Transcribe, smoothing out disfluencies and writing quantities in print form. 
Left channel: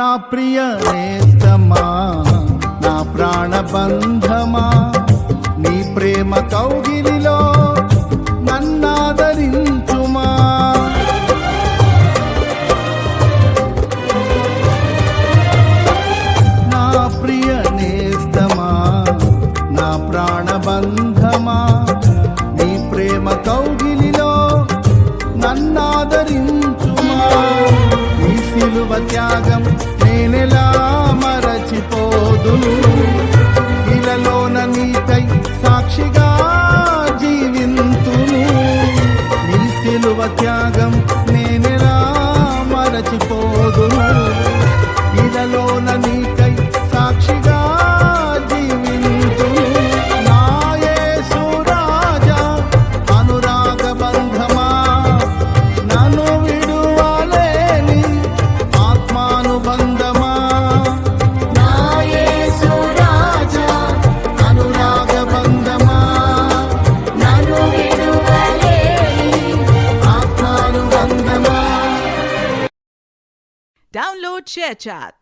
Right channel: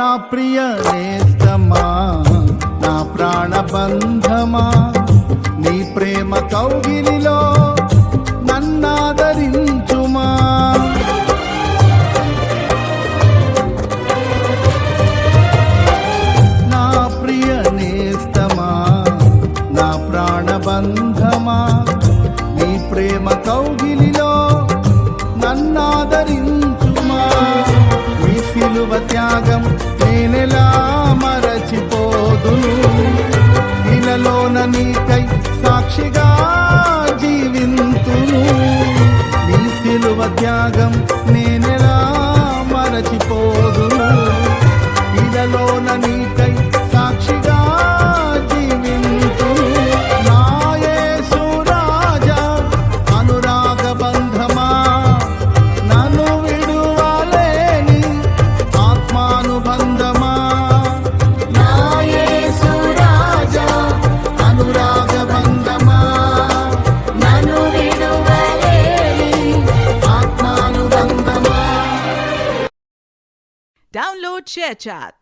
నా ప్రియ నేస్తమా, నా ప్రాణబంధమా, నీ ప్రేమ కౌగిలిలో నన్నాదరించుమా. నా ప్రియ నేస్తమా, నా ప్రాణబంధమా, నీ ప్రేమ కౌగిలిలో నన్నాదరించుమా. నీ సిలువ త్యాగం నేనెలా మరచిపోదును, ఇలలోన నీకై సాక్షిగా జీవింతును. నీ సిలువ త్యాగం నేనెలా మరచిపోదును, ఇలలోన నీకై సాక్షిగా జీవింతును. నా యేసు రాజా అనురాగ బంధమా, నన్ను విడువలేని ఆత్మానుబంధమా. నా యేసు రాజా అనురాగ బంధమా, నన్ను విడువలేని ఆత్మానుబంధమా. Download ShareChat.